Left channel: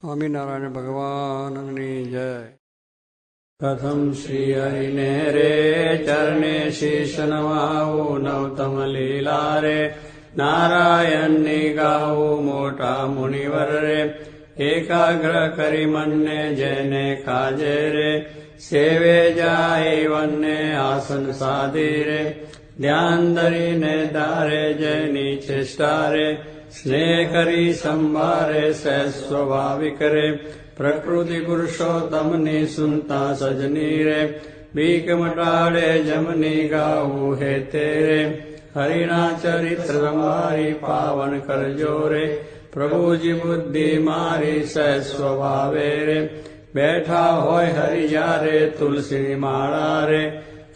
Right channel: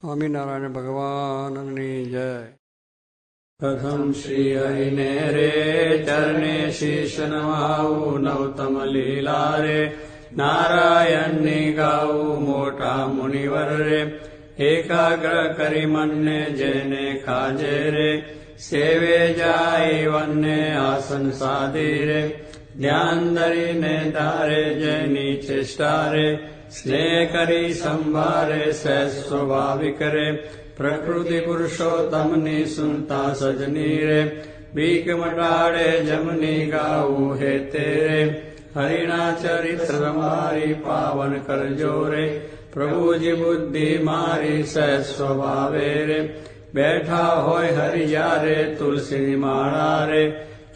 સ્વામિનારાયણ ભગવાનની જય. કથમ શ્રી હરિને રે, ચરણે શીશ નમાવું નવતમ લીલા રે. નારાયણની ગાવું મોટા મુનિવર રે. એકાગ્ર કરી મનને જેને ખાજે રે. સેવે જાય વનને આસન સાધી રે. ધ્યાન ધરીને તારે જેની ચેષ્ટા રે. स्नेह करी संभारे सहस्वभाविक रे प्रकृति पुरुषोत्तम ने सुनता सजनी रे बीक मटाड़े जमनी गाऊ हे तेरे, हरिणा चरित्र संभारी पावन कर जोरे प्रभु जी बुद्धि मारी सह स्वभावे रे बैठा होय हरियारे तुलसी माड़ा रे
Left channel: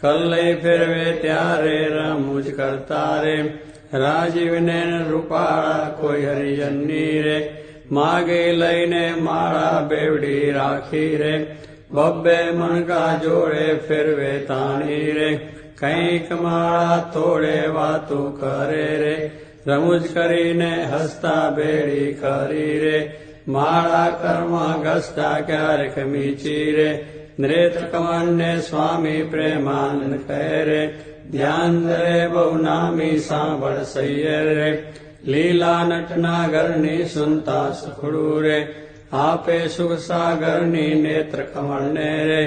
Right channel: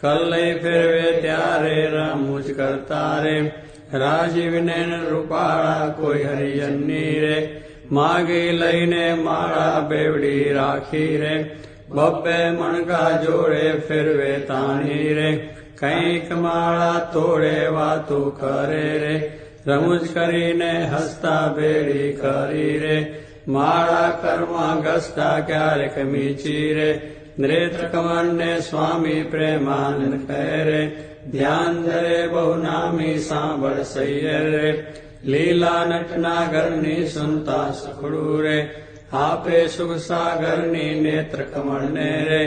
कल फिर वे त्यारे रमुज करता रे રાજીવને રૂપાળા કોઈ હરિજનની રે, માગે લઈને માળા બેવડી રાખી રે. બબ્બે મણકા જોડે ફેરવે તાણી રે, કંઈક માળા તોડે વાતું કરે રે. રમૂજ કરીને હસતા બેડી કરી રે, માળા કર્મ ઘસતા ક્યારેક મીચી રે. નૃત કમનને સ્વામી પ્રેમાનંદ કહે રે ધ્યાન દરે બહુ નામી સાંભળ સૈયર રે લીલા નટના ઘરની સુનતા સુખડું રે આપે સુખ સાગરની નેત્ર કમળને રે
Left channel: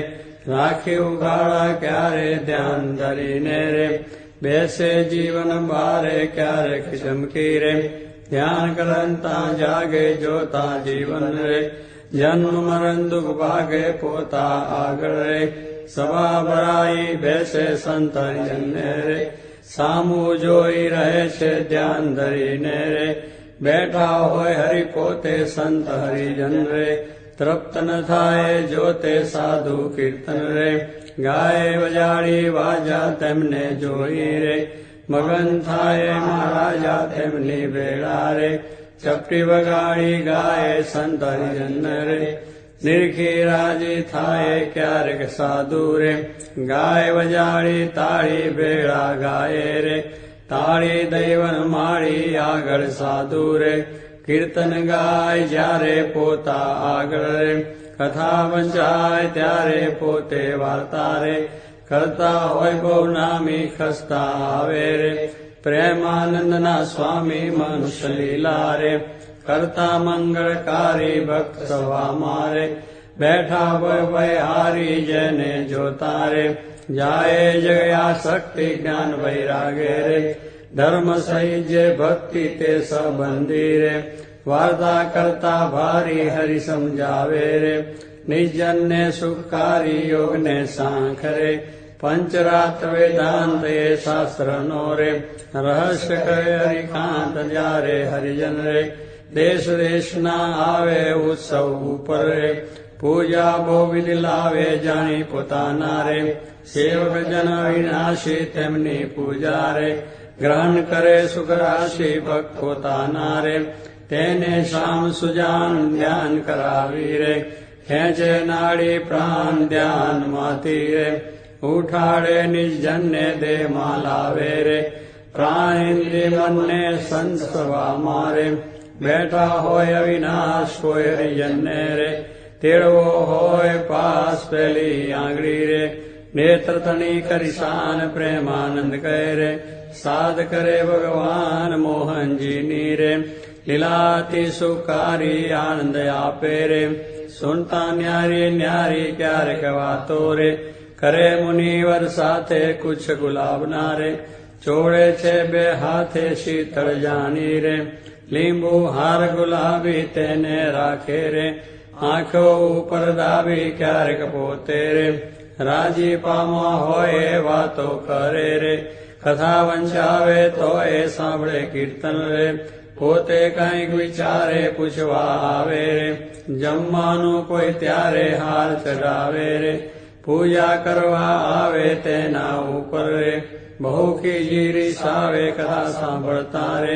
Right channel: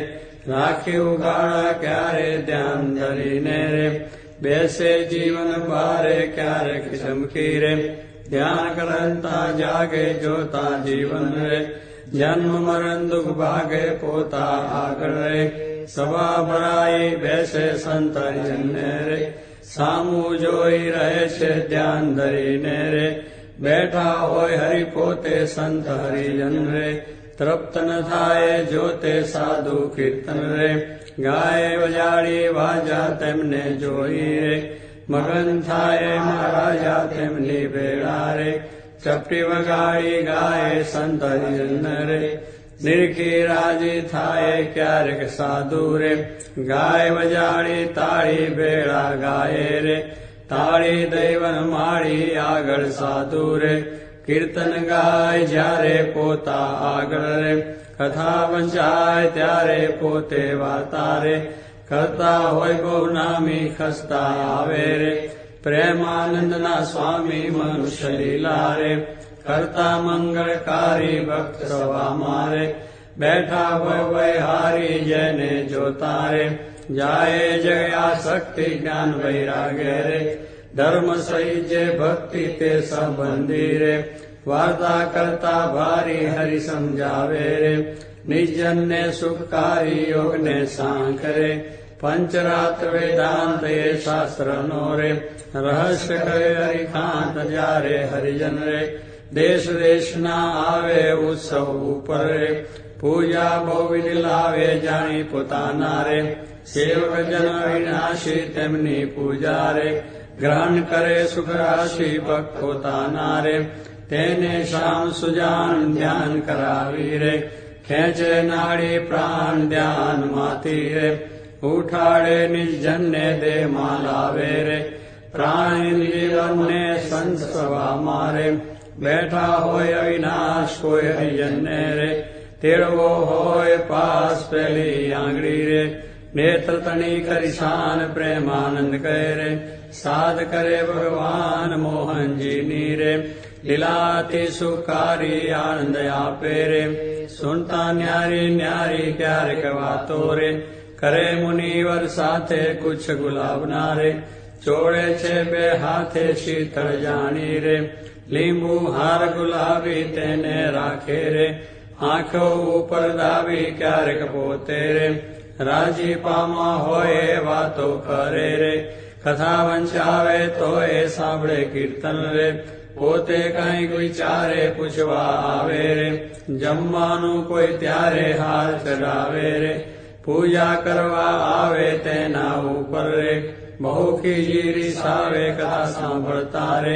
રાખી ઉગાડા ક્યારે ધ્યાન ધરીને રે બેસે જીવન બારે ક્યારેક ચમકી રે ધ્યાન કરતા જાગે જોતા જીવન રે જન્મ મરણ દુઃખ ભાગે પોતા આગળ રે સભા ભરાઈ બેસે સંતરિયને રે સામું જોઈ રહે છે ધ્યાન ધરીને રે બેઠા હોય હરિ પોતે સંત હરિજન રે તૃપ્ત ન થાય જોતે સાધુ કીર્તન રે ગાય વજાડી વાજા તેમને જોઈ રે મગન થાય મહારાજા તેમની ભેળા રે ચપટી વગાડી ગાય સંત હરિજન રે નિરખી રાજી થાય ક્યારેક સાધુ રે ગાય વજાડી તાળી ભેળા ગાય રે તાળી દૈવન માળી આગળ સાધુ રે કીર્તન ગાય જ્યારે પોતા આગળ રે કથા વંચાય ત્યારે પોતે વાર્તા રે કરતા હોય બહુ નામી ખસતા આવે રે પ્રેમાનંદના સ્વામી મનુષ્ય લીલા રે करता मंगलकारी भक्त सवा मारे। बैठा वय वय हारी जने जो तारे। जाए जगया शक्ति ज्ञान वैरागे रे। धर्म सही जे भक्ति ते सबंदी रे वार्ता करता भारी हरि समझावे रे। निजन ने सुखकारी योग ने सांख रे पंचरात वेदांत ये शास्त्र नो रे रहस्य करे हरिकांत जा रे हरिजन रे। દેશ દેશના આવે ઉત્સવ ઉપર રે. પૂજા બહુવિધ લાવે જાણી પોતાના રે. સેવક જન વિનાશી તેમની પૂજા રે. ગ્રહણ કરે સુખ રાશિ ભક્ત પોતાના રે. તેને શામ સુજાન ધ્યાન કરાવી રે. ખેંચે નાડી પ્રાણ ધ્યાનમાંથી રે. ઉઠાડે નિર્જનને દેહમાં લાવે રે. પ્રાણ ઇન્દ્રિય મનને સંત સભા મારે बैठा होय अविनाश कोय हरिजन रे। तेरवो होय पास पहली आंगड़ी रे। नेत्र तणी करिशान प्रेमानंद कह रे। साध करे भगवान मोहन जी नीरे लीलाति सुकारी आनंद आपे रे। सुनता न्यारी न्यारी प्यार कवातो रे। करे मुनिवर साथे कुछ गुलाब नारे छोड़े छे बे हाथे शीतल जानी रे। લીંબુ હાર ગુલાબી તેને રાખે રે આંખો ઉપર દાબી ક્યારેક પોતે રે રાજી પામા હોય વાતો કરે રે કથા વંચાવે તો એ સાંભળે કીર્તન રે પોતે કાંઈક વિચારે પૂછવા આવે રે જમવાનું કોઈ ત્યારે હાર ચડાવે રે પૂજા કરવા આવે તેના ઉપર રે બહુ ખીજી સાવે કથા સાંભળતા રે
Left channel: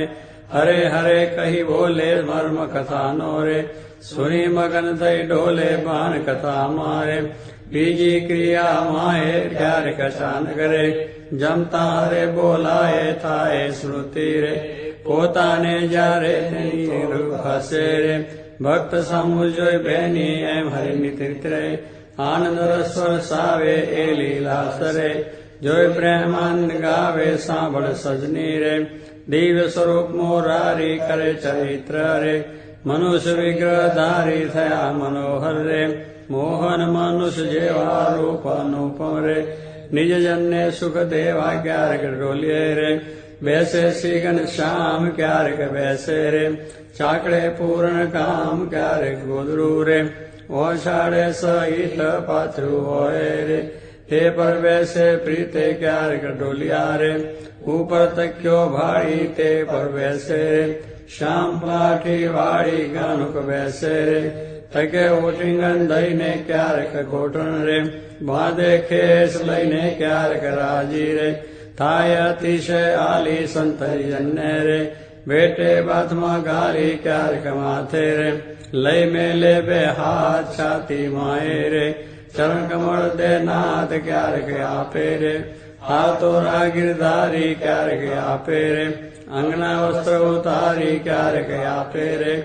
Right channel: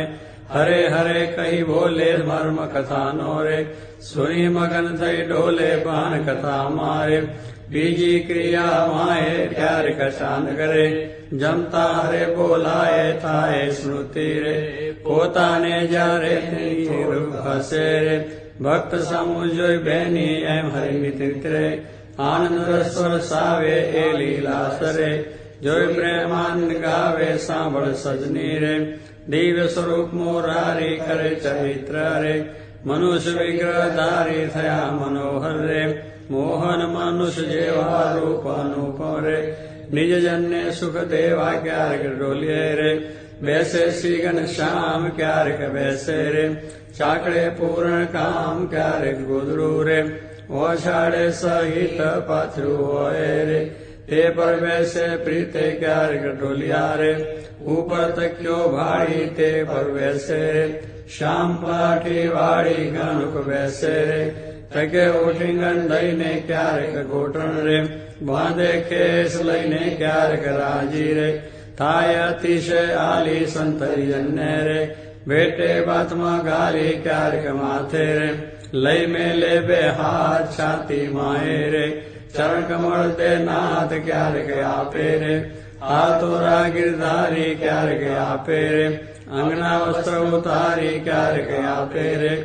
हरे हरे कही भोले मर्म कथा नोरे, सुनी मगन दई डोले बान कथा मारे। बीजी क्रिया माए घर कचान करे जमता हरे बोलाये थाए स्मृति रे। पोता ने जा रे तेनी हसे रे भक्त समुजो बहनी एम हरि नित्रे आनंद रस्वर सावे ए लीला सरे जोय प्रेमान गावे सांभ सजनी रे। दिव्य स्वरूप मोरारी करे चरित्र रे मनुष्य विग्रह धारी थया मनोहर रे मोहन मनुष्य जेवा रूप अनुपम रे निज जन्य सुख देवा क्यार डोलिये रे, वैसे सीगन श्याम क्यार वैसे रे, चाकड़े पूर्ण काम क्यार गुदरू रे ओषाढ़ सहित पथरू रे। ते परवेशे प्रीते क्यार गडोलियारे, ऊपर तक्यो भारी ते परवेशे श्याम पलाठी वाड़ी गानुक वैसे रे, तके ओटिंगन दईने क्यार गोटन रे भादे खेस लईने क्यार राज़ी रे, थाय अतिशय आली संतरी जन्ने रे, बेटे बाथमा गाली क्यार माथे रे। लय में ले बे हाथ छाती माए रे। चरण कमल दे नाथ क्या रखे आपे रे। हार तोरा गिरधारी क्यार के आपे रे। अंगना वस्त्र उतारी क्यार के आपे रे।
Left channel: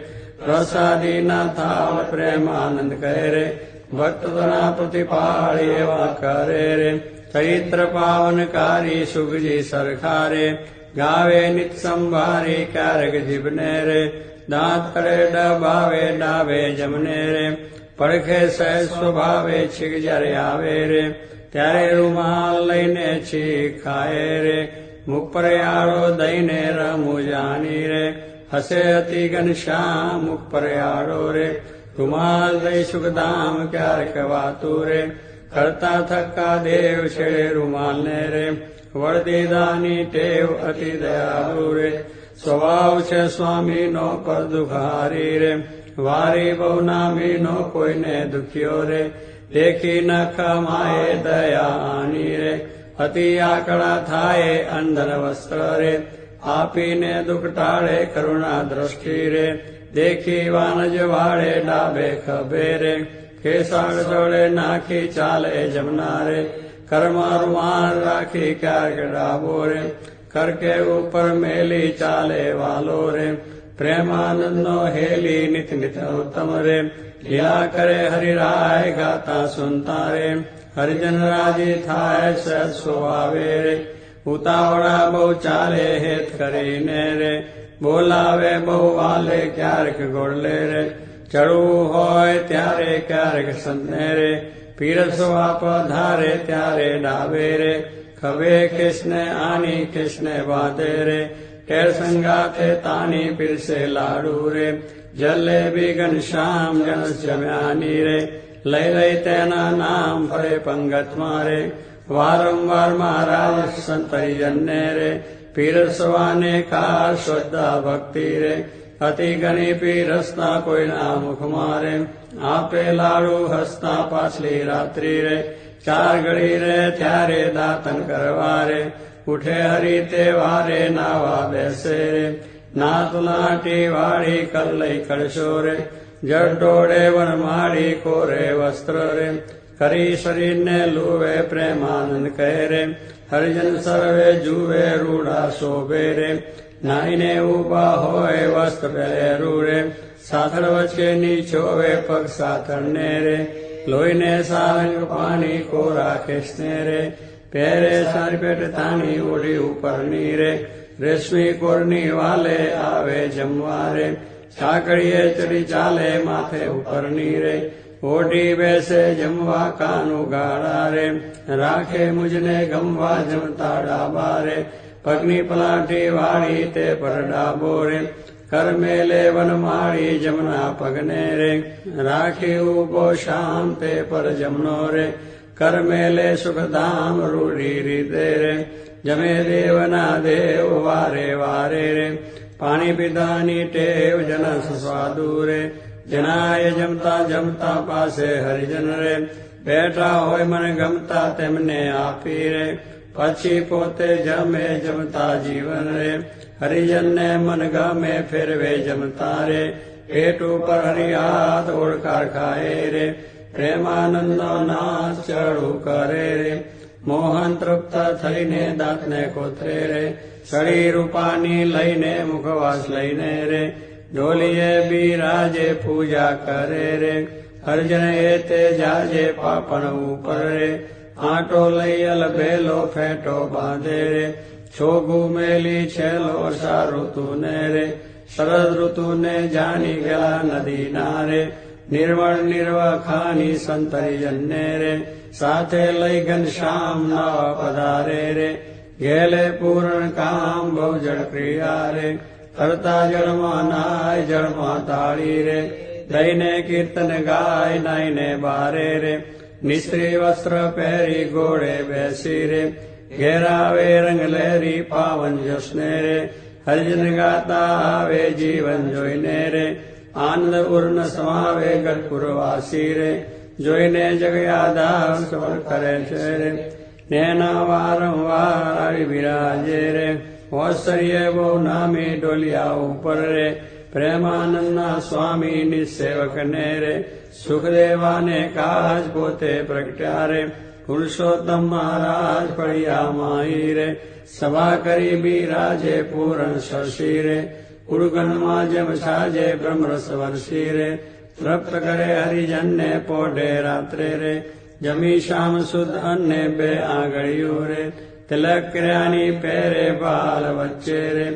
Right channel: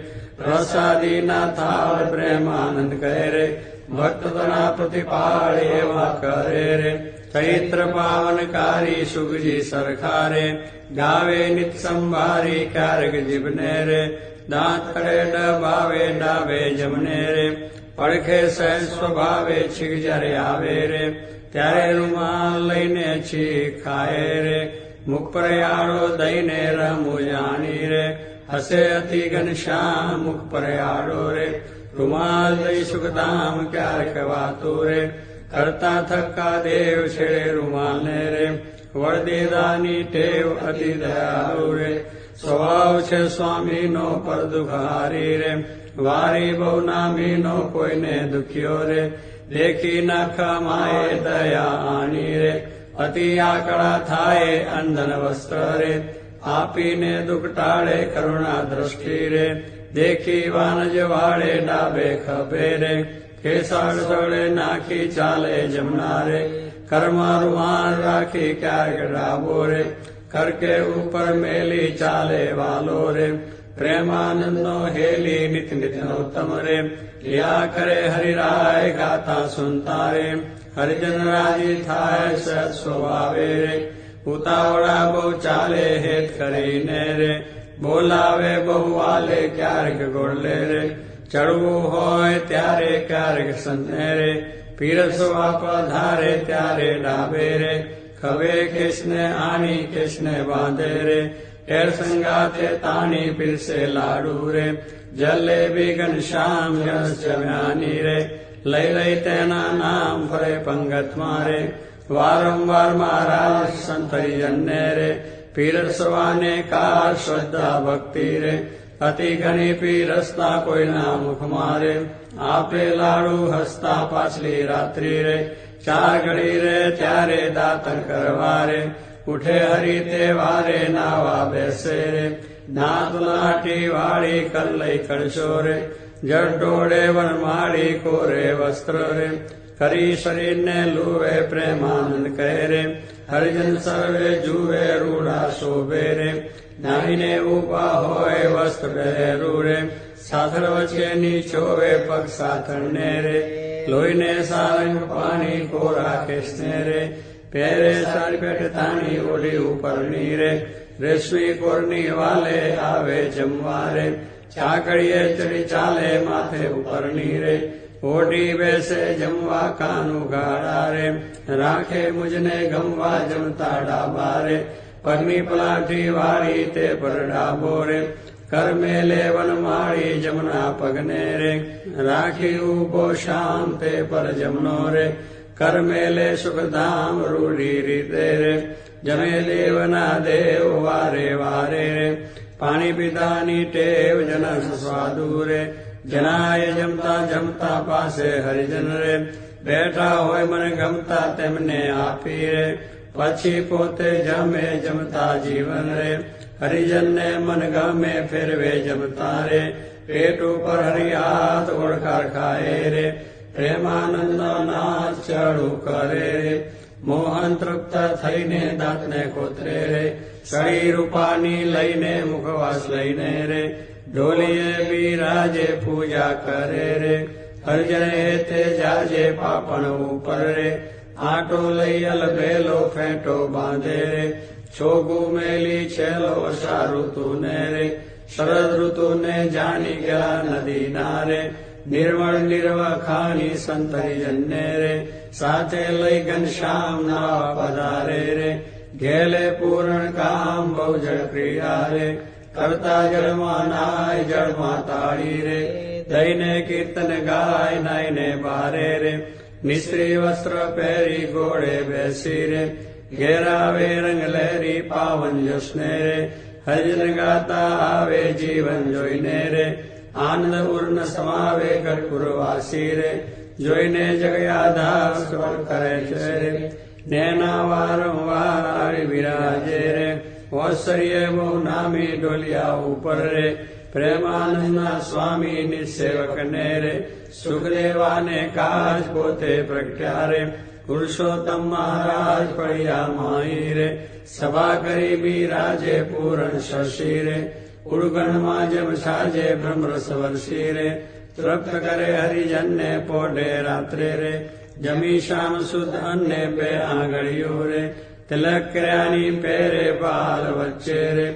प्रसादी ना थाल प्रेमानंद कह रे। भक्त तना प्रतिपाल एवं करे रे। चरित्र पावनकारी सुख जी सरखारे गावे नित संभारी कारक जीवने रे। દાંત તળે ડબાવે, ડાવે જમને રે. પડખે સહેજ સ્વભાવે છીક જ્યારે આવે રે. ત્યારે રૂમાલ લઈને છી ખાય રે. મુખ પર યાળો દઈને રમુ જાની રે. હસે અતિ ઘનશ્યામ મુખ પર યાળો રે. રૂમાલ દઈ સુખધામ ક્યારેક વાતું રે. કરતા થક્કા દેવ છેડે રૂમાલને રે. વળદીદાની ટેવ અતિ દયાલુ રે. સ્વભાવ છે સ્વામીનો પર દુખારી રે. વારી બહુ નામીનો, કોઈને દુખ્યો રે. દેખી નખ માએ દયાની રે. અતિ આકડા થાય અંધન વસ્ત્ર રે. આપીને દુઃખ ટાળે, કરુણા દ્રષ્ટિ રે. દેખી વાનજ વાળે ડાબે ખભે રે. ખેસાળ ચડે નાખી ચાલે જમના રે કર્મ રૂમાન રાખી ક્યાંક ડાબો રે. કરકે ઉપર મેલી ચાલે વાલો રે પ્રેમાનંદનો હેલી નિત નિત ઉત્તમ રે લીલા કરે હરિરાય ગાતા સુનતા રે હરિજન રાજી થાય સત સ્વભાવે રે ઉતાવળા બહુ ચાલે હેત કરીને રે બોલાવે બહુ વાલે ક્યારેક ગોળલે રે ચડવું હોય ત્યારે ક્યારેક સંને રે પીરસવા પધારે ત્યારે ડાબે રે खबे कृष्ण, आनी कृष्ण बाधे रे। टेर संगाते तानी पिल से लाडू रे। जले भी घनश्याम जनस जम्यानी रे। लय लय तेना नाम फरे पंगत मारे। वारंवार महाराज संतरी जन्ने रे पीरसवाने का श्रद्धा भक्ति रे। अति घनी पीरसना कोई ना मुख मारे। आपे लाडू हसना पाछली रात्रि रे। ચાર ઘડી રે ત્યારે દાતન કરવા રે ઉઠે હરી તે વારે નાવા બેસે રે નાત લાટી વાળી કલ્લઈ કળશો રે જડોળે વનમાળી કોરે વસ્ત્ર રે કરી શરીરને લુવે પ્રેમાનંદ કહે રે હરિજન સર્વે જુએ રૂડા શોભે રે નાઈને ઉભા હોય વસ્ત્ર પહેરેરું રે સાથળ વચ્ચે નીચોવે પગ સાથળને રે લોહીને સારંગ પાણી કોરા ખેસને રે પહેરે સારી પેટ તાની ઓઢી ઉપરની રે રેશમી કોરની વાલે આવે જમવા રે ચાકડીએ ચડી ચાલે માથે ઉપરની રે ઓઢી બેસે જમવા કાનું ગાળા રે રાખે મુજને ગમવા જમતા ડાબા રે પગની પલાઠી વાળી તે પર ડાબો રે कर मेले वन माड़ी जमुना पगने रे, राखी उबो शाम ते पर जमनो रे कर मेले सुख धाम रूढ़ी रीते रे, जमे देवना देव वारे वारे रे पानी पिदानी टेव जन स्वादू रे, जनाय जमता जमता पासे हरिजन रे, बैठा होय मन गमता तेमने आपी रे તેમને આપી રે પછી પોતે જમે જમતા જીવન રે હરિજનને મન ગમે ફેરવે જમતા રે પેટ ઉપર હરિયાત ઓળખાર ખાય રે પ્રેમાનંદનો નાચ ચડું કરે રે મોહન તૃપ્ત થઈને દાંતને કોતરે રે સળી રૂપાની લઈને મુખવાસ લઈને રે ઢોલીએ બિરાજે પૂજા કરે રે અર્જણ એ તે જાજે પાપણ ઉપર રે આંટો લઈ અલ બેલો ફેંટો બાંધે રે છોગુ મેલી છેલો વર્ષા ઋતુ ને રે શરદ ઋતુ ને જાની ગલા નદી ના રે નિર્વણ નિર્વખાની સંતરી જન્ને રે સાથે લઈ ઘનશ્યામ નવા પધારે રે, ઘેલે પૂર્ણ કામ બહુ જળ ક્રિયા રે, કરતા જળમાં નાય જળમાં તાળી રે, દઈને કીર્તન ગાય નાઈને બારે રે निश्री वस्त्र पैरी घोड़े बैसी रे घेरावे रंग लहरी पावन जसने रे हरिजन गाता आवे जीवन जोइने रे आनंद उर्ण समावे गढ़पुरवासी रे जोइने जग यादा सबर करे चेरे, नैना वारंवार आवी विराजे रे होसरिय वो नामी डोलिया ऊपर रे प्रेमानंद स्वामी निसेवक ने रे સુખદેવાને કાજ પોતે પ્રગટ્યા રે પુરુષોત્તમ મહારાજ ફળિયા માઈ રે સભા કરી બિરાજે પૂરણ શશી રે કુળગણમાં જેમ છાજે બ્રહ્મરસ વર્ષી રે તૃપ્ત કરે હરિજનને પોઢે રાત્રે રે જમી શામ શુદ્ધ અન્ને બે આંગળિયું રે તિલક કર્યાની પહેરે બાલ વચ્ચે રે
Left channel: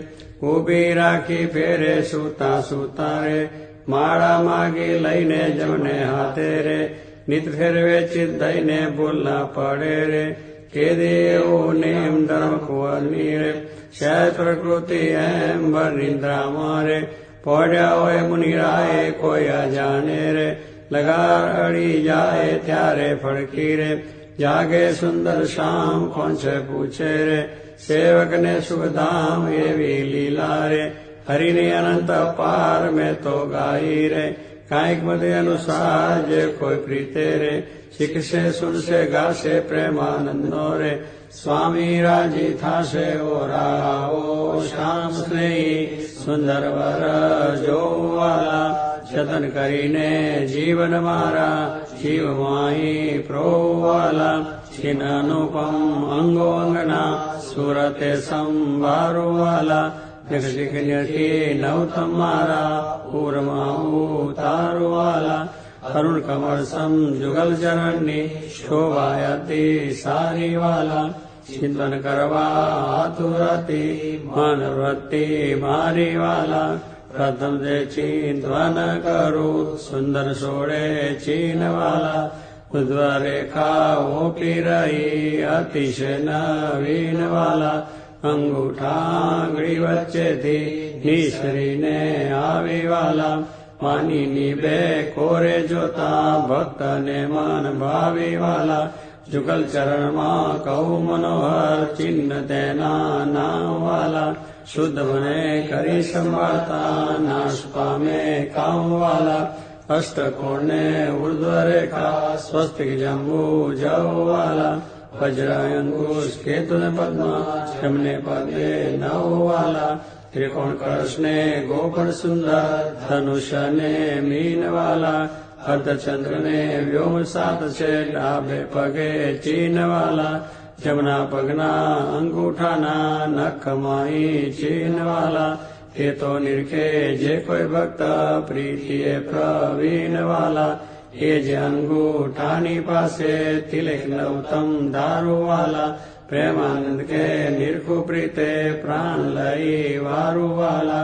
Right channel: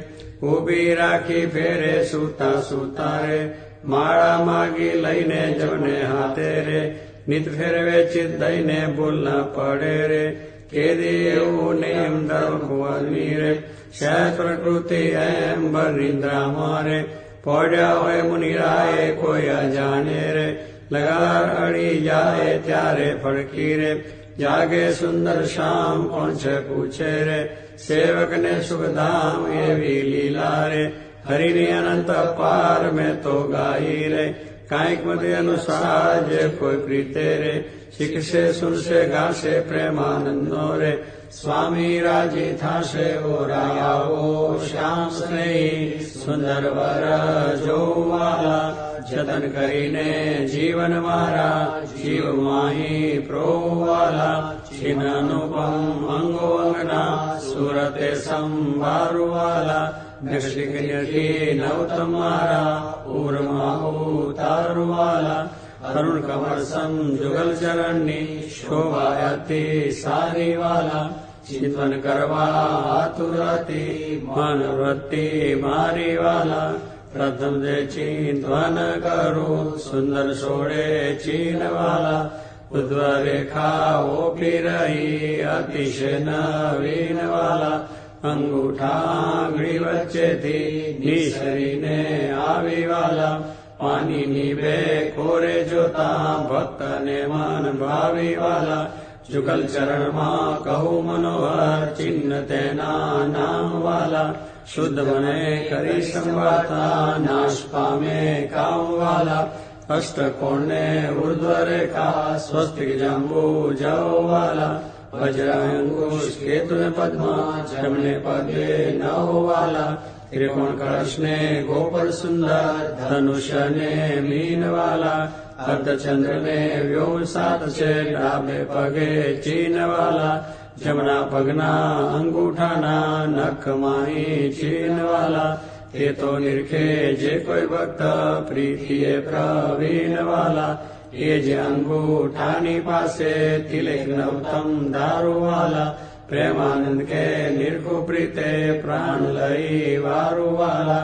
ઊભી રાખી ફેરે સૂતા સૂતા રે માળા માગી લઈને જમને હાથે રે નિત ફેરવે ચિત દઈને બોલના પડે રે કે દેવું નેમ ધર્મ કુંવરની રે શય પ્રકૃતિ એમ નિંદ્રામાં રે પડ્યા હોય મુનિરાએ કોઈ અજાને રે લગાર અડી જાય ત્યારે ફડકી રે જાગે સુંદર શામ કોણ છે પૂછે રે સેવકને સુખધામ એવી લીલા રે हरिणी गाई रे। कायिक मत अनुसार जे कोई प्रीते रे। शिख से सुन से गा से प्रेमानन्दो रे। स्वामी राजी था से ओ राओ श्याम स्नेही सुंदर वर जो वाला जतन करीने जीवन मारा जीव माई प्रो मा प्रोवालापम अङ्गो अङ्गना सूरते वाला ौत नौतमारा पूरमा उत्तला अरुण कमल सं जुगलचरण् शोभायति सारी वाला चिन्तन करवातुरति मन प्रथम दे चिन्त सुन्दर सोडे चिन वालाद्वरेखावोपि रयि अतिश न वीन અંગૂઠાંગળી વચ્ચેથી નિશ્રીને આવી માનીની બે કોરે જોતા ભક્તને મન ભાવી જુગલ ચરણમાં કહું મનોહર ચિહ્ન તેના નામ વાલા શુદ્ધ મને કરી સંભાળતા નાશ પામે કામ વાલા અષ્ટકોણને ઉર્ધ્વ રેખા સ્વસ્તિક જંબુ वज्रायंकुश केतु पद्मा जमने पद्मे नौ वाला त्रिकोण कृष्णे गोपल सुंदर धनुष ने मीन वाला अर्धचंद्र ने व्योम सात से डाबे पगे चीन वाला जमुना पगना अंगूठाना नख माई चीन वाला हे तो निरखे जे कोई भक्त प्रीति प्रवीण वाला ये अंगूठानी पासे तिलक नवतम दारू वाला प्रेमानंद के निर्कुप्रीते प्राण लई वारू वाला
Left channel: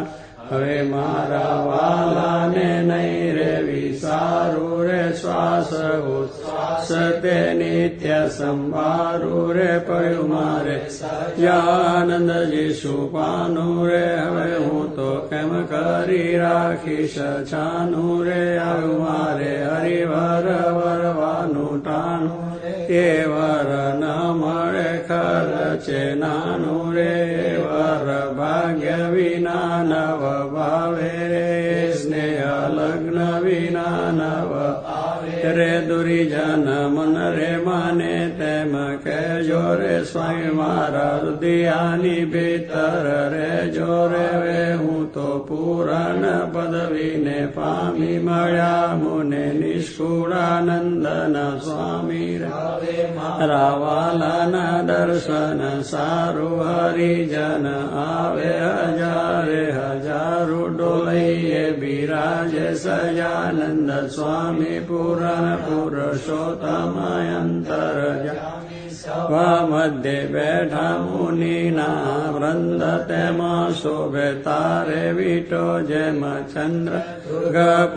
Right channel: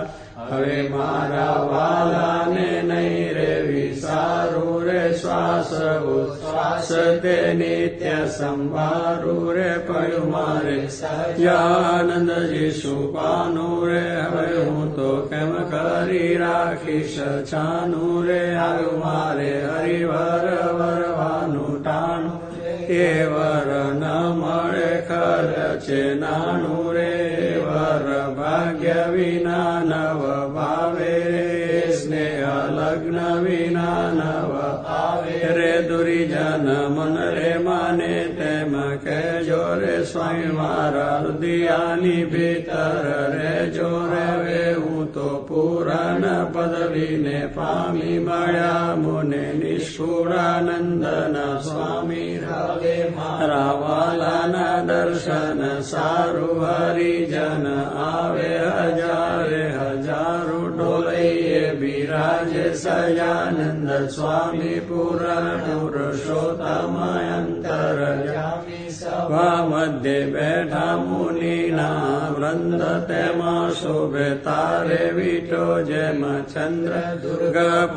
હવે મારા વાલાને નહીં રે વિસારું રે શ્વાસ સતે નિત્ય સંભારું રે પડ્યું મારે. આનંદજી સુપાનું રે, હવે હું તો કેમ કરી રાખીશ? છાનું રે આવ્યું મારે હરિવર વરવાનું ટાણું. भाग्यविनानव नवभावे रे दुरि जन मन रे माने के जोरे स्वामि मानि भीतर वे हो पदवी ने पामि मया मुने निन्दन स्वामी रावालन दर्शन सारु हरिजन आवे हजारे हजारु डोलि राजसयानन्दस्वामी पुराणपुरुषोत्तमयन्तरजा। मध्ये मुनि ना वृन्द ते मा शोभे तारे वीटो चन्द्र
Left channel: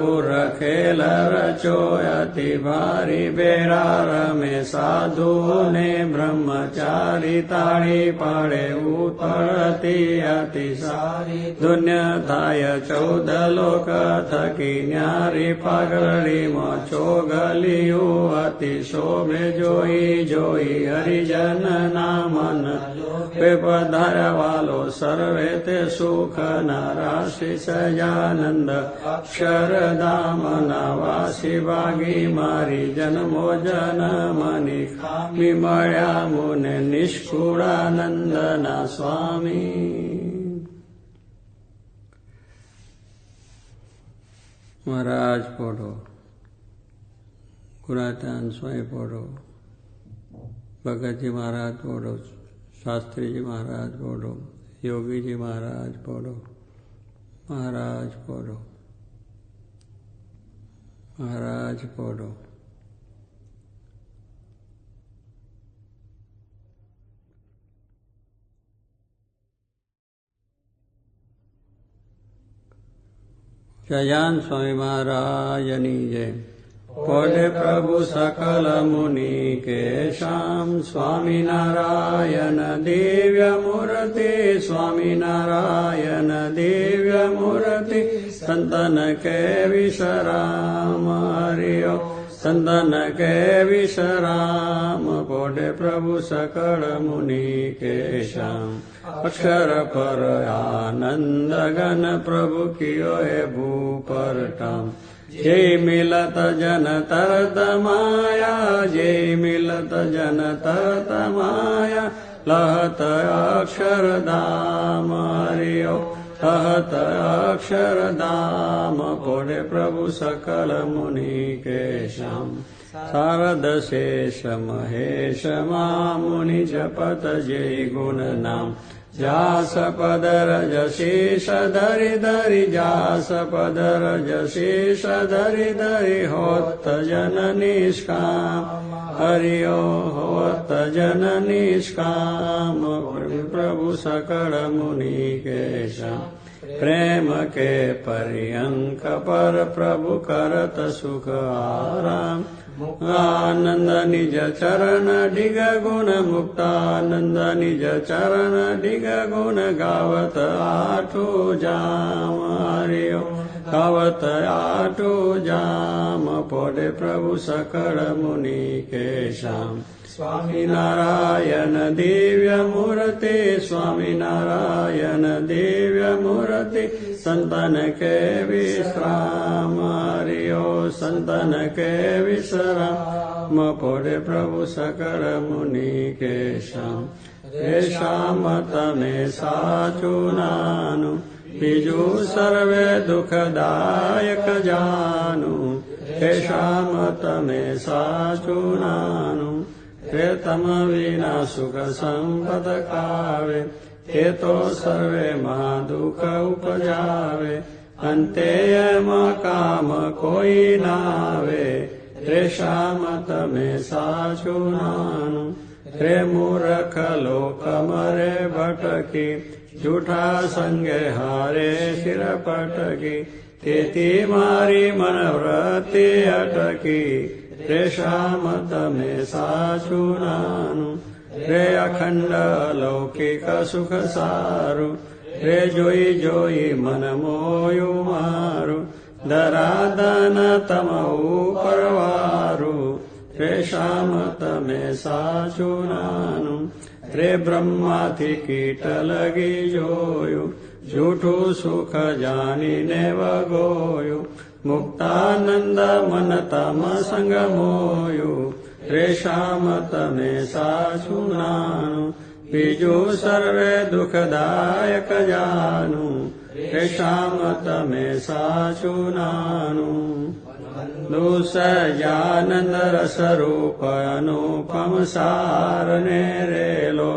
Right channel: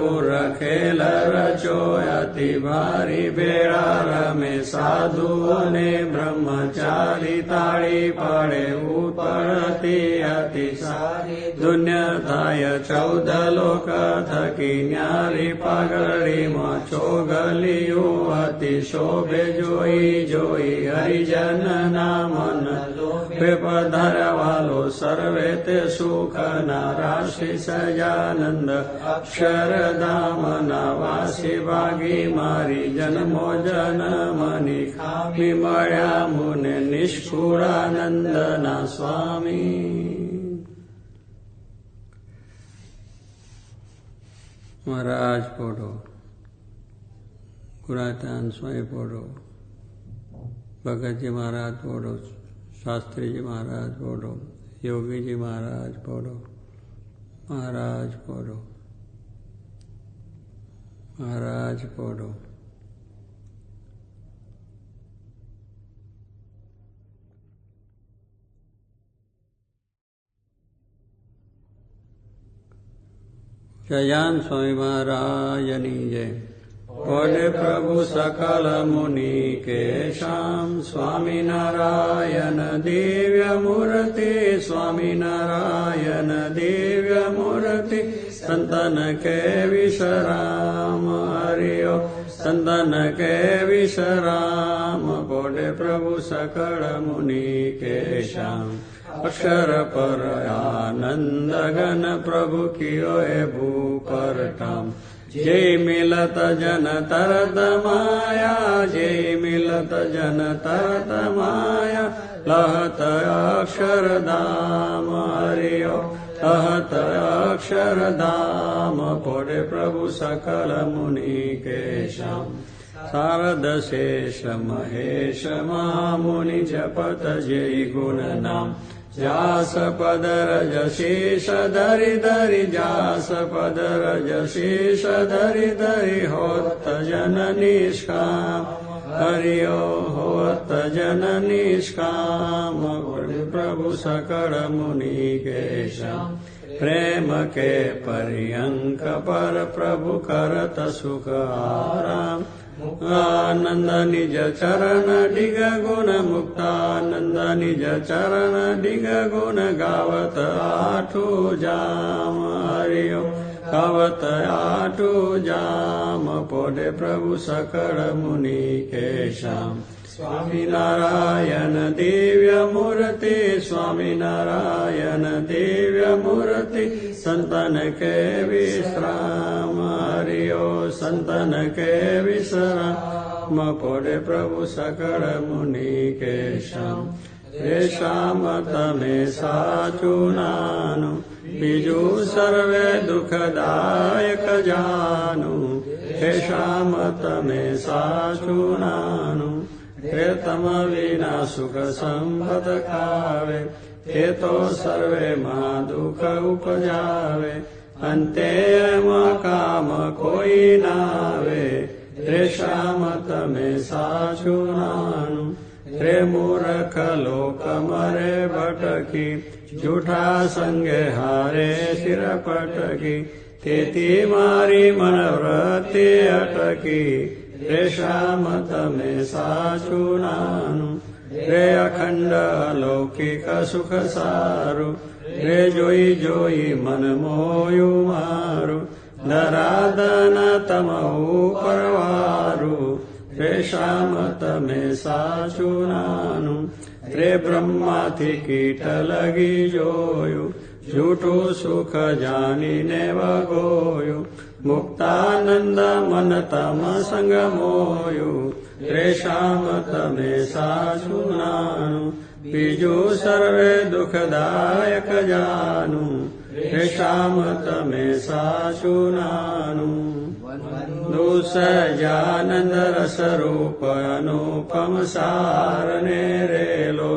गुरलोति भारिरा साधु ने ब्रह्मचारी ताडी पाडे उथि दुन्याय चौद लोकथकि न्यी पगरी मोगलियुति शोभे जो हरिजन नामन विपधरवालो सर्वे ते सुख नाराशिषयानन्द शरदामनावासि वागी मारि जन्मो जनमनि विमया मुनि मुने स्वामी। महाराज पोढोरा स्वामी पोडो भगत जी महाराज बोलो शास्त्री जी महाराज बोलो योगी जी महाराज बोलो महाराज बोलो महाराज बोलो। जयान स्वामी महाराजनी जय। कोडे प्रभु सकल मुनि केश स्वामी नारायण देव्य मूर्ति स्वामी नारायण देव्य मूर्ति सन्दन के विसरामर्य सन्दन प्रभु सकल मुनि केश अक्षर परयानन्दगन प्रभु कियो ए भूपरटम् जय मिलत जन तरत माया जय मिलत जन तरत माया लहत अक्षरधाम। मर लहत अक्षरधाम। पुरे प्रभु सकल मुनि केशम् शारदशेष महेश मा मुनि जपत जय गुणनाम् यास पदर होत्तजननिष्काम् धरि दरि जास हरि ओ होत जननिष्काम प्रेम के पर्यङ्क पर प्रभु करत सुखार आनन्द निज चरण डिग गुण मुक्तानन्द निज चरण डिग गुण गावत आठो जाम हरि गावत आठो जाम पोडे प्रभु सकल मुनि केशाम् स्वामिनारायण नारायण स्वामिनारायण दिव्यमूर्ति सन्तन के विश्रा मा सन्तन के विसरा मपुरे प्रभु सकल मुनि केश रेषा मत मे साचुनानु बिजु सर्वे दुखदायक जानेषा मतमे साचुनानु रे तम हेतो सर्वे महादुःख उपजावे अन्ते यम काम कोयिनावे रे शामतमे सा चुनानु रेरख लोकम रे भटकि जुठा सङ्गहारे शिर पटकि तेतिमारि मनव्रति अटकि रे श्याम तमे रे अखण्डलौकिकसुखसारु रे जोयि जोयि मा धरादन तमऊपरवारु रे श्याम तमे साचु रे ब्रह्मा ति कीट लगि सुख जानि नेव गोयु। मुक्तानन्दमनतमसङ्गमोयु रेषामतमेषा सङ्गमोयु बीजो सर्वे दुःखदायकजानु रेषामतमेषा श्यामतमे सा रेलो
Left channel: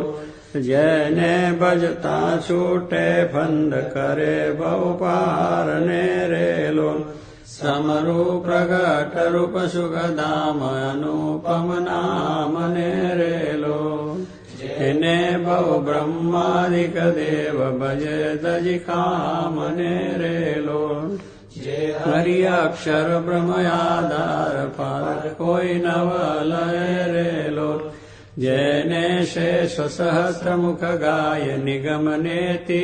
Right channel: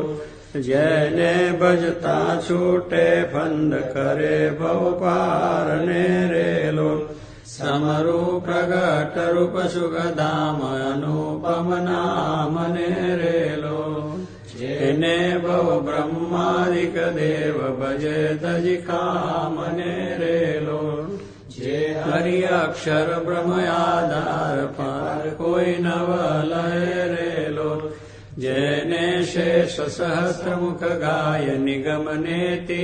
जानन्द भजता छूटे बन्द करे बहुपारणे रेलो रूप हिने बहु ब्रह्मादिकदेव भज दजि कामने पार लो नवलयरेलो ब्रह्मया धार पर को शेषसहस्रमुख गाय निगम नेति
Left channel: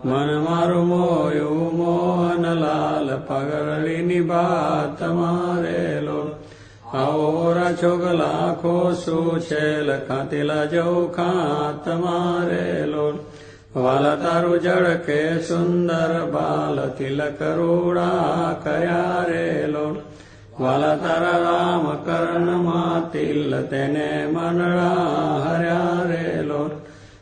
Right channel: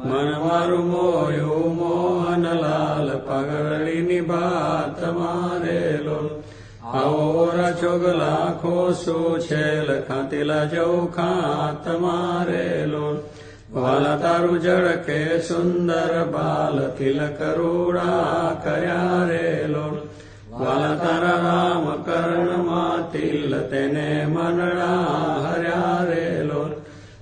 મન મોયું મોહનલાલ પગળી નિભાત મારેલો આવો રાચોગ લાખો શું છે લખાતીલા જવું ખાત મારેલો વાલા તારું જળ કે સુંદર બાલ તિલક રૂડા કર્યા રેલો વાલા તારા રામ કર્ણમાં તિલ તેને મનરા હર્યા રેલો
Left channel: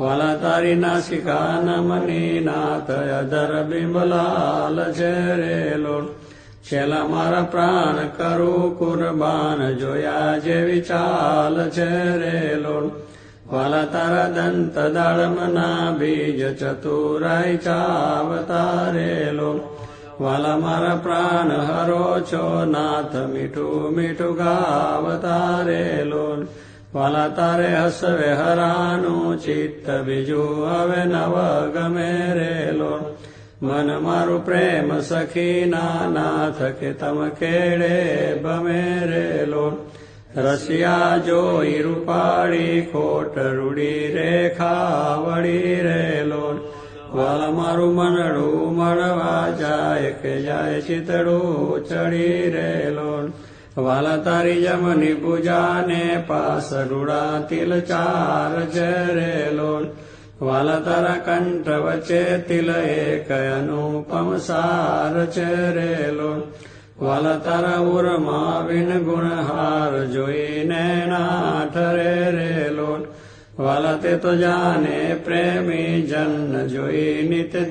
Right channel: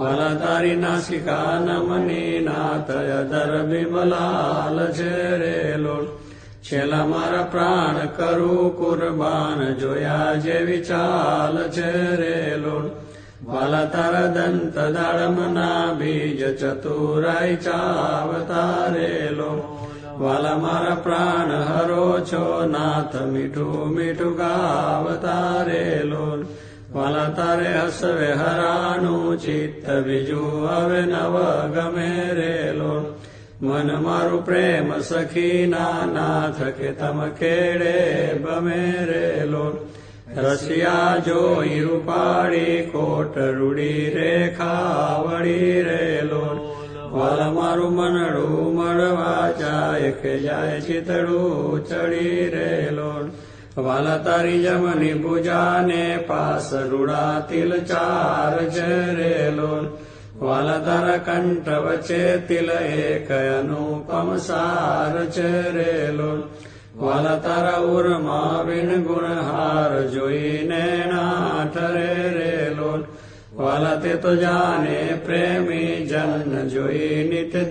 વાલા તારી નાસિકા નમની નાથ અધર બિંબલાલ છે રેલો મારા પ્રાણ કરું કુરબાન જોયા જેવી ચાલ છે રેલો વાલા તારા દંત દાડમના બીજ ચતુરાઈ ચાવતારેલો. વાલા મારા પ્રાણ હરો છો નાથ મીઠું મીઠું ગાવતારેલો. વાલા તારે હસવે હરાનું ચિત્ત બીજું હવે નવ ગમે રેલો. મન મારું પ્રેમ સખી નાથ કે તમ કેડે બમે રેલો. રસિયા જોઈ રૂપાળી કોટ રૂડી રેખા વળી રેલો. વલ મારું મનડું મળવા જાય કે જાય ચિતડું ચડી રેલો. वाल तारि जमनि पूजाने पास रूढातिल चार तारा कण्ठव चेतिल एक अनुकसार तारा उर्मा विन गुणहारोई ने नाठ रे लो वाले तु जाने प्रेमी जन्न जोई निरे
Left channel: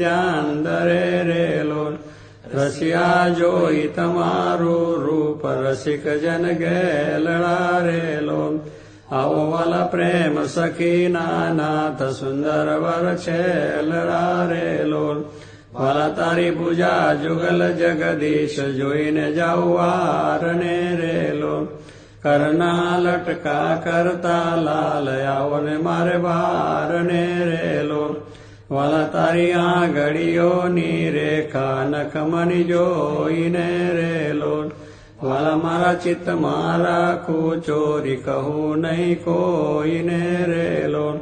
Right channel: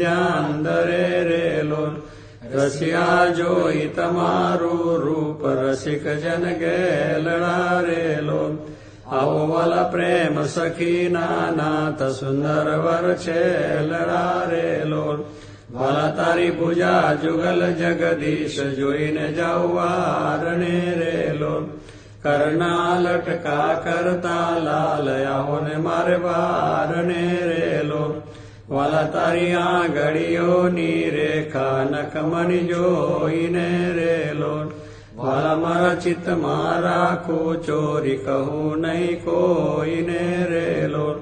रे लो રસિયા જોઈ તમારું રૂપ રસિક જન ગે લડારેલો આવો વાલા પ્રેમ સખી નાથ સુંદર વર છે લડારેલો વાલા તારી પૂજા જુગલ જગદીશ જોઈને જાઉં વારને રેલો. કરના લટકા કરતા લાલ આવો ને મારે વારને રેલો. વાલા તારી આંગળીઓની રેખા નખમની જોઈને રેલો. વાલા મારા ચિત્ત રાખું ચોરી કહું નહીં કોઈને રેલો.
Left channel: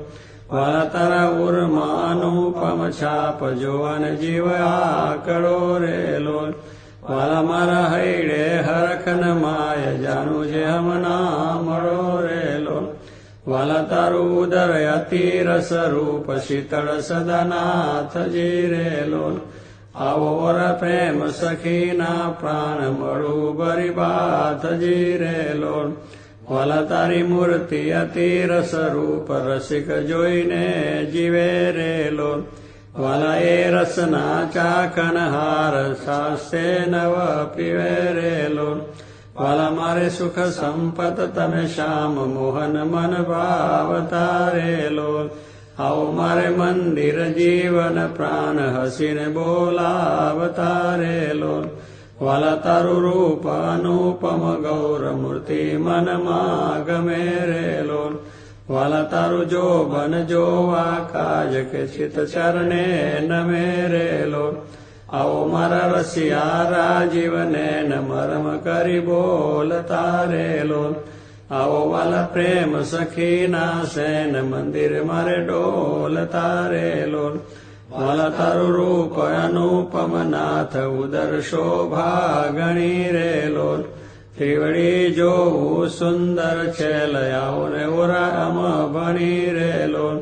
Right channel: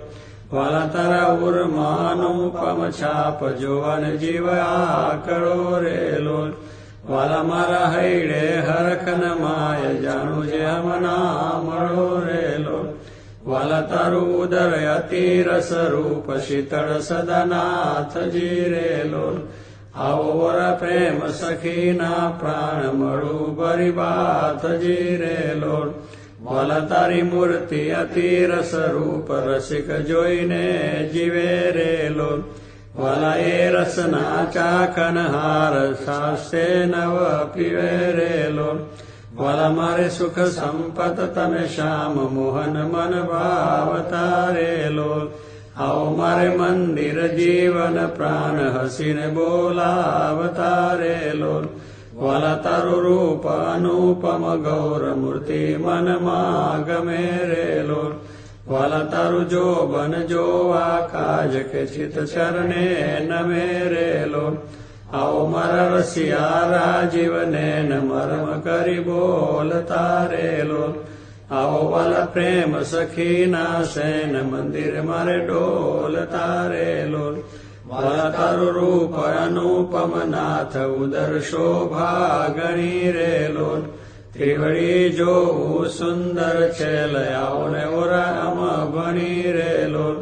વાલા તારા ઉર્માનું પમ છાપ જોવન જીવ આકરો રેલો. વાલા મારા હૈડે હરખન માય જાનું જે હમ નામ રો રે તારું વનતરુદરયતી રસરૂપ શીતળ સદનાથ જીરે આવોર પ્રેમ સખીના પ્રાણ મળું બરિબાથ જીરે લોલ વલતારી મૂર્તિ અતિ રસરૂપ રસિક જોઈને જીવે રે લોલ એ રસના ચાખન હાર સાસ્તે નવ પીવે રે વાલા મારે સુખ સંપત તમે શ્યામ મોહન મન ભાવતારેલો આવો મારે મંદિર જીવન પ્રાણ હસીને બોલાવતારેલો વાલા તારું રૂપ અનુપમ ગૌર મૂર્તિ મનમાં ગમે રેલો વાલા તારું જો બન જોવા કાજ કે ચિત ચરણે નમે રે આવો મારા અવમરસિયા રાજીવને મરમ કરી બોલ તારે લોલ. આવો વાલા પ્રેમ સખી ના સેન મંદિર મારે ડોલ તારે લોલ. વાલા તારું રૂપ અનુપમ નાથ ઉદર શોભા ગણી રે લોલ. ત્રિવડી જોવું સુંદર છે લયાવો ઉરા અમ ભણી રે લોલ.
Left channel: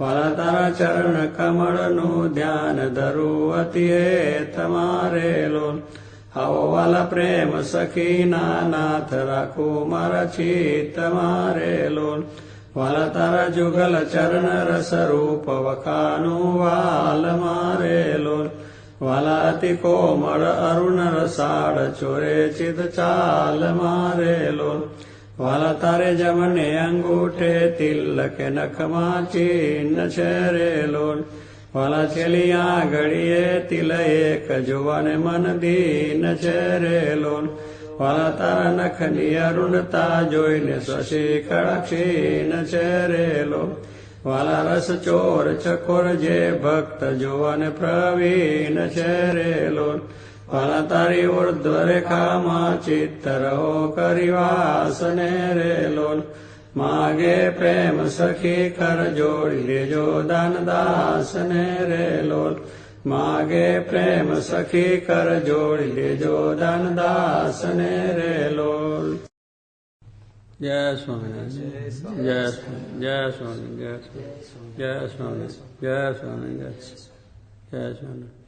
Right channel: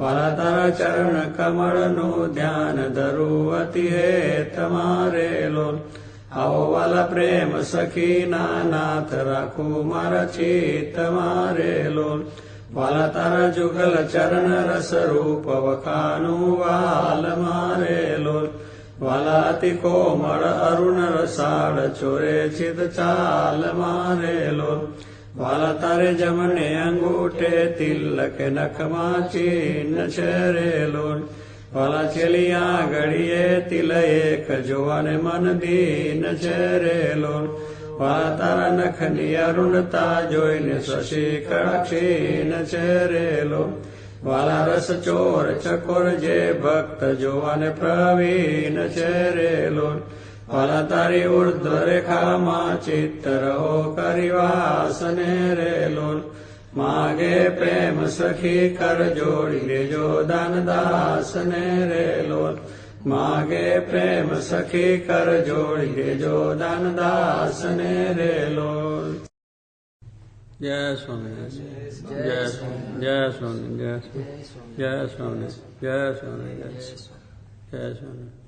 वाला तारा चरण कमल नु ध्यान धरे आवल प्रेमर चित्र मारे लोल वाला तारा जुगल चरण रस रूप वखा वाल मारे लोल वलति अति कोमल अरुण रसाड चोरे चित चाल मारे लोल વાલા તારે જમને અંગૂઠે તિલક નખમાં ચિહ્ન શરે લોન. વાલા છેલી આ ઘડીએ તિલ એક જોવાને મન દીન શરે લોન. વાલા તારા નખની અરુણતા જોઈને શશી કળક્ષીન શરે લોન. વાલા રસ ચોર ચકોર જે ભક્ત જોવાને પ્રવીણ શરે લોન. फलतरिवुर्ध्वरेखामा चित्तरहो करिवासनेरे लोल मागे प्रेम सखी कर जोड़ लेजो दान दासनेरे लोल मागे प्रेम सखी कर जोड़ लेजो दान दासनेरे लोल જય સ્વામિનારાયણ જય સ્વામી જય સ્વામી જય સ્વામી જય સ્વામી જય સ્વામી જય સ્વામી